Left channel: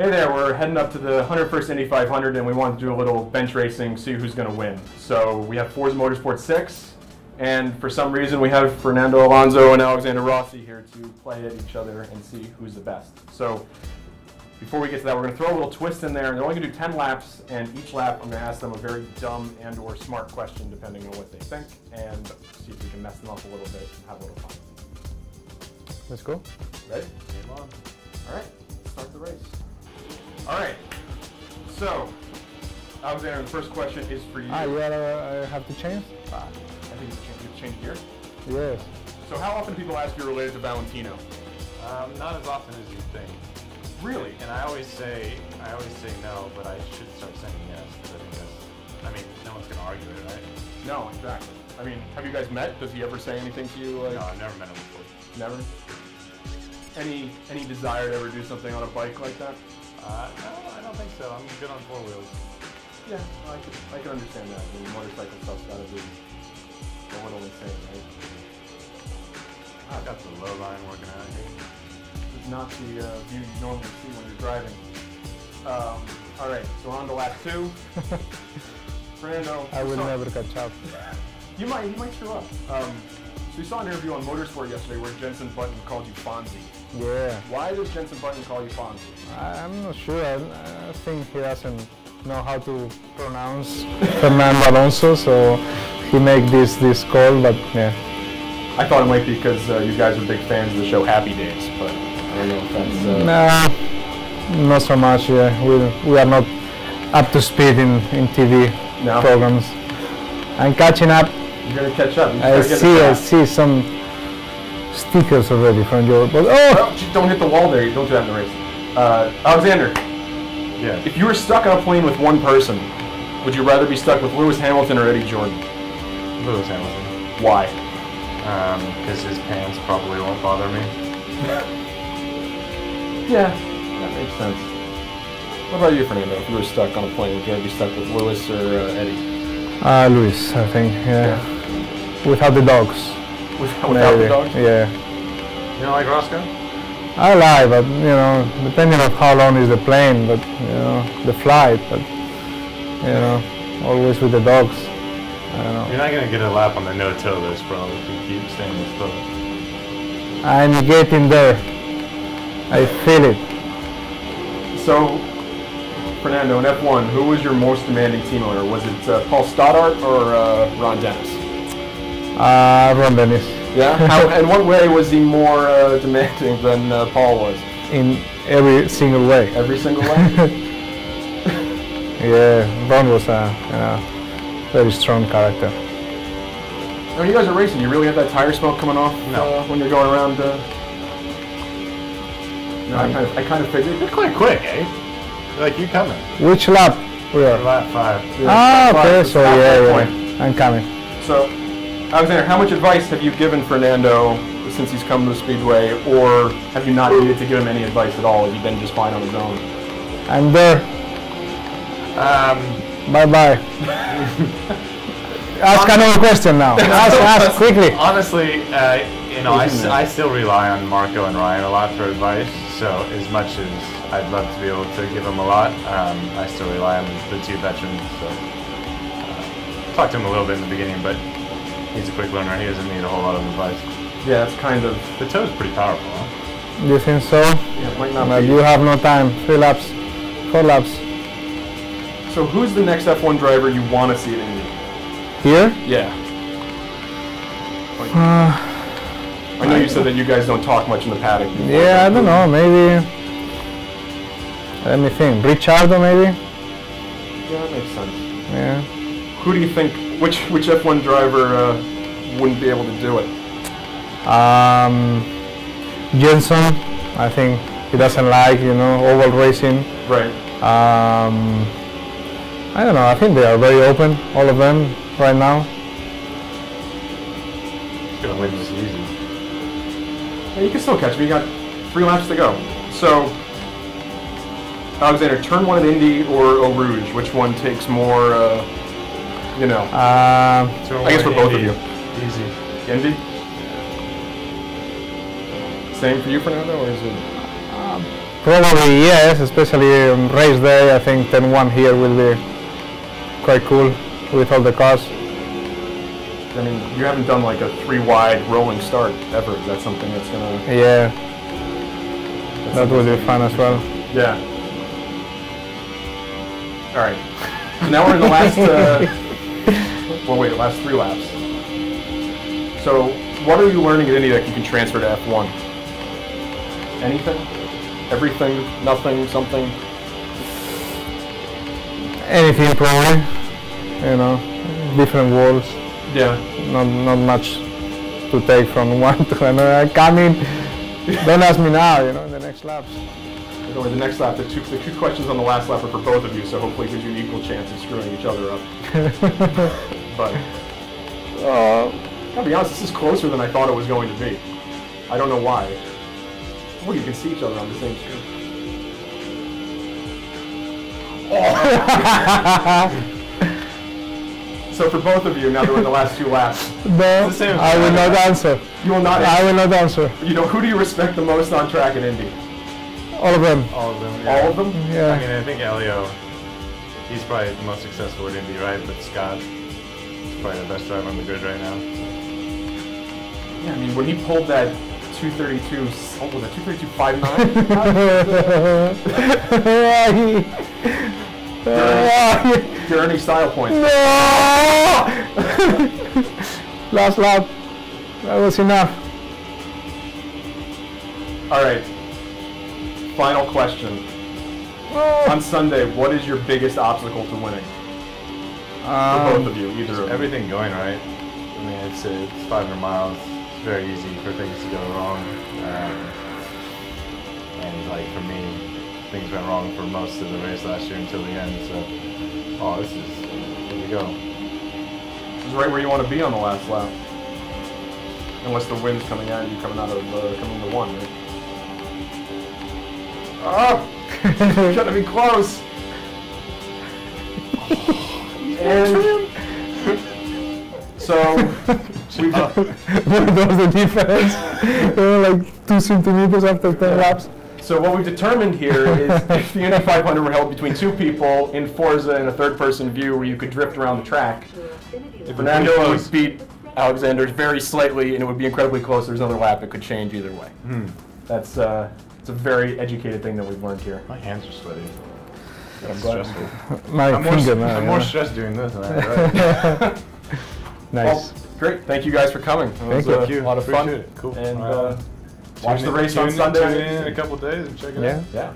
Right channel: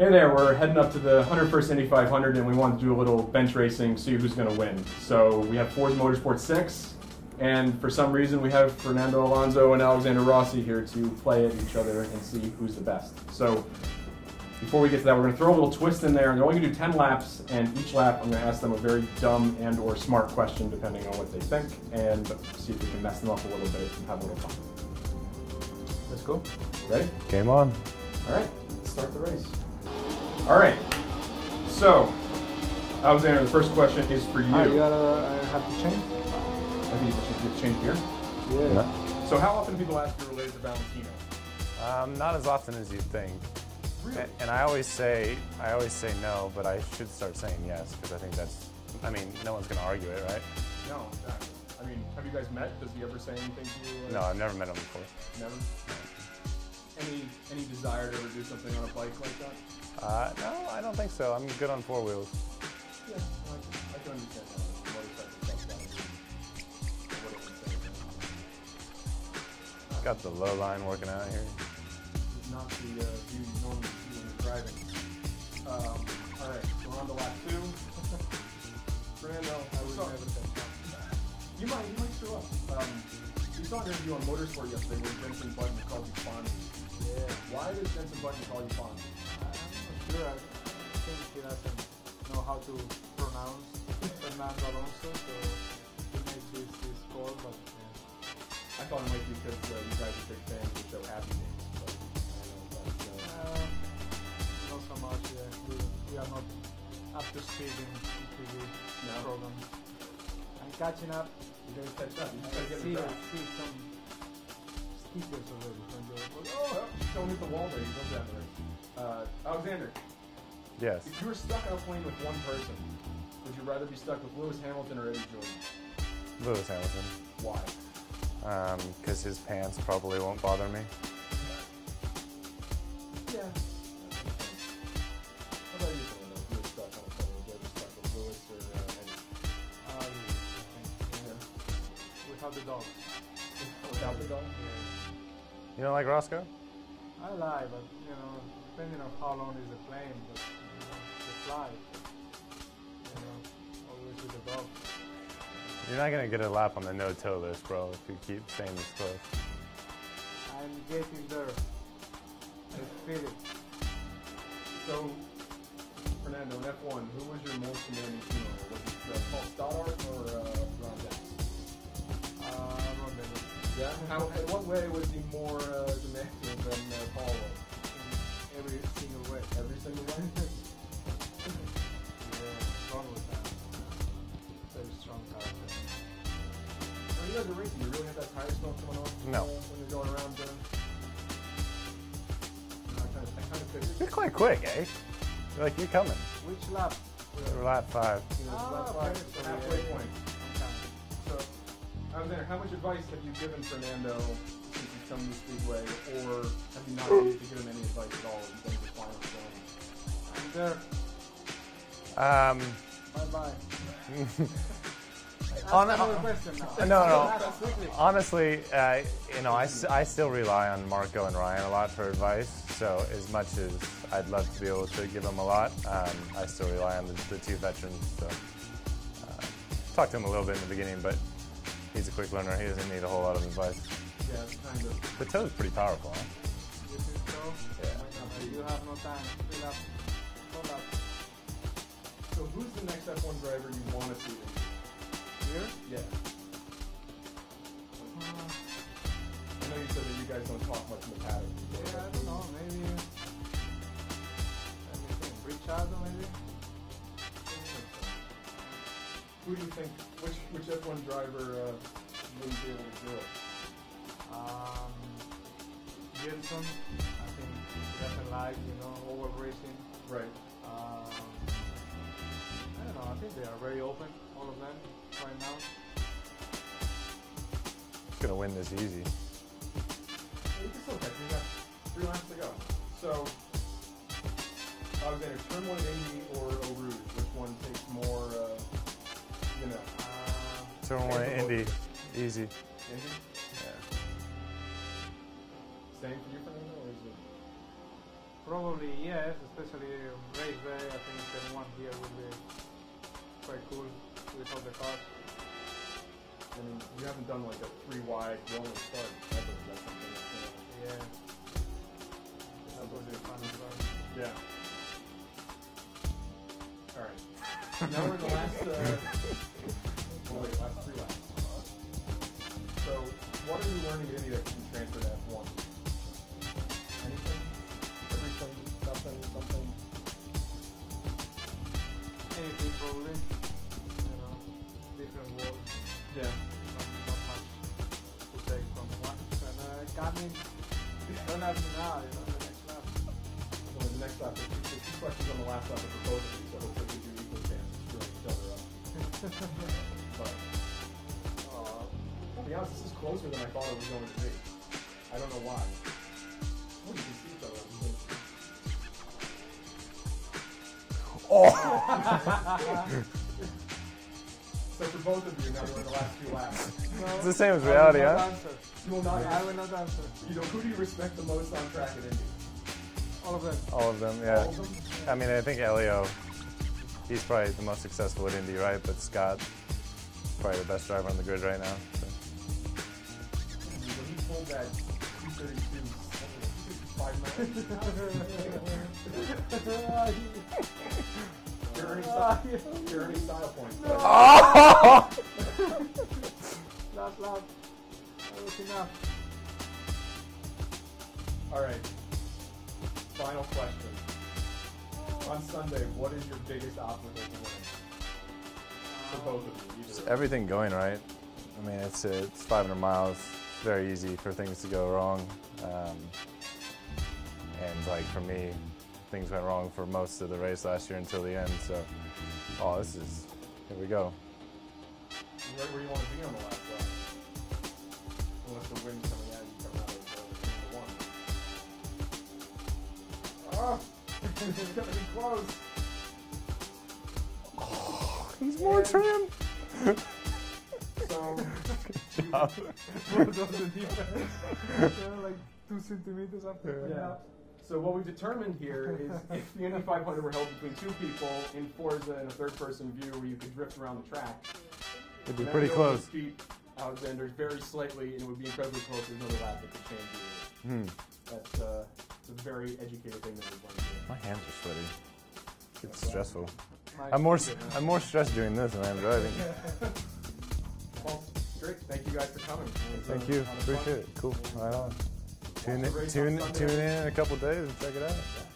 Hey there, we're heading up to the 101st Indy 500 and we want to do a little bench racing, see who's going to win. So we have Forza Motorsport 6, and for some reason we have Fernando, Alonso, and Alexander Rossi here to play at each other and see who's the best. So before we get to that, we're going to throw a little twist in there. They're only going to do 10 laps, and each lap I'm going to ask them a very dumb and or smart question depending on what they think, and see if we can mess them up a little bit and have a little fun. Let's go. Ready? Game on. All right, let's start the race. All right, so Alexander, the first question is for you. I have to change? I think you should change here. Yeah. So how often do people ask you related to Valentino? Not as often as you think. Really? And I always say no, but I should start saying yes, because I think that's, I mean, no one's going to argue it, right? No, exactly. I mean, have you guys met? Does he ever say anything to you? No, I've never met him before. Never? Any desire to ever do something on a bike like that? No, I don't think so. I'm good on four wheels. Yeah, I can understand that. The motorcycle stuff's got to be a little insane, right? I've got the low line working out here. It's not the view you normally see when you're driving. All right, so on to lap 2. Fernando. I will never catch up. You might show up. We saw an interview on Motorsport yesterday where Jensen Button called you Fonzie. Yeah. Why did Jensen Button call you Fonzie? I'm not sure. I think he doesn't know how to pronounce Fernando Alonso, so he made this call, but yeah. I thought it might be because you guys are big fans of the show Happy Days, but I don't know if that's... Nah, not so much, yeah. We are not up to speed in TV programs. I'm catching up. You're going to catch up. I see some stickers already from your... But well, don't hit the wall there. You don't do that in the race. Alexander. Yeah. If you were stuck on a plane with one person, would you rather be stuck with Lewis Hamilton or Eddie Jordan? Lewis Hamilton. Why? Because his pants probably won't bother me. Yeah, that makes sense. What about you, Fernando? If you were stuck on a plane, would you rather be stuck with Lewis or Eddie? Lewis, I think, yeah. Without the dogs. Without the dogs? Yeah. You don't like Roscoe? I lie, but you know, depending on how long is the plane, but you know, the flight, but you know, always with the dogs. I don't know. You're not going to get a lap on the no-till list, bro, if you keep staying with foot. I'm getting there. I feel it. So, Fernando, in F1, who was your most demanding team owner? Was it Paul Stoddart or Ron Dennis? Ron Dennis. Yeah? In what way was he more demanding than Paul was? In every single way. Every single way? Yeah, Ron was a very strong character. When you guys are racing, you really have that tire smoke coming off when you're going around? No, I kind of figured. You're quite quick, eh? Like, you coming. Which lap we are? Lap 5. Yeah, okay, so yeah, I'm coming. So, Alexander, how much advice have you given Fernando since he's come to the Speedway, or have you not needed to give him any advice at all? Have you been just fine on his own? I'm there. Bye-bye. Ask another question now. Ask quickly. Honestly, you know, I still rely on Marco and Ryan a lot for advice, so as much as I'd love to be able to give them a lot, I still rely on the two veterans. So, talked to him a little bit in the beginning, but he's a quick learner. He doesn't need a whole lot of advice. Yeah, it's kind of... The toe's pretty powerful, huh? You think so? Yeah, it might not but be. You have no time. 3 laps. 4 laps. So who's the next F1 driver you want to see at Indy? Here? Yeah. I know you said that you guys don't talk much in the paddock. Yeah, I don't know. Maybe... Let me think. Ricciardo, maybe? Yeah, that makes sense. Yeah. Who do you think, which F1 driver wouldn't be able to do it? Jensen, I think he doesn't like, you know, oval racing. Right. I don't know, I think they are very open, all of them, right now. Gonna win this season. Yeah, you can still catch me. You got 3 laps to go. So, Alexander, turn 1 at Indy or Eau Rouge? Which one takes more, you know? I guess for both of you. Easy. Indy? Same for you, Fernando, or is it? Probably yes, especially on race day. I think 10-1 here will be quite cool with all the cars. I mean, you haven't done like a 3-wide rolling start ever. That's something that's gonna... Yeah, that will be fun as well. Yeah. All right. So now we're in the last, last 3 laps. So what are you learning at Indy that you can transfer to F1? Anything? Everything? Nothing? Something? Anything probably, you know, different walls. Yeah. Not much to take from one to another. Coming, don't ask me now, you know, in the next laps. The next lap, the two questions on the last lap are for both of you, so hopefully it gives you an equal chance of screwing each other up. But, I'll be honest, this is closer than I thought it was going to be. I don't know why. Oh, you can see each other on the same screen. Oh! So for both of you, now that we're in the last 2 laps. No, I will not answer. You will not answer? I will not answer. You know, who do you respect the most on track at Indy? All of them. All of them. Yeah. All of them? Yeah. I mean, I think Elio, he's probably the most successful in Indy, right? But Scott is probably the best driver on the grid right now. Yeah, I mean, when he pulled that 232, what was it, 232.59? Gurney style points. No! Last lap. That was enough. All right. Final question. On Sunday, what is your biggest obstacle to winning? For both of you, either of them. Everything going right. I mean, it's 500 miles. It's very easy for things to go wrong. And like for me, things went wrong for most of the race last year until the end. So, here we go. This is right where you want to be on the last lap. Unless the wind's coming at you, coming to 1, right? Oh! You're trying to be close! And so, What was the difference? They were like 2 centimeters after 10 laps. So what we've determined here is if the Indy 500 were held between 2 people in Forza in a third-person view where you could drift around the track, Fernando would beat Alexander very slightly, and it would be incredibly close. There's another lap that could change either way. That's it's a very educated thing that we've learned here. My hands are sweaty. That's stressful. I'm more stressed doing this than that. Right? Nice. Well, great. Thank you guys for coming. It was a lot of fun. Cool. And watch the race on Sunday. Tune in a couple days and check it out. Yeah.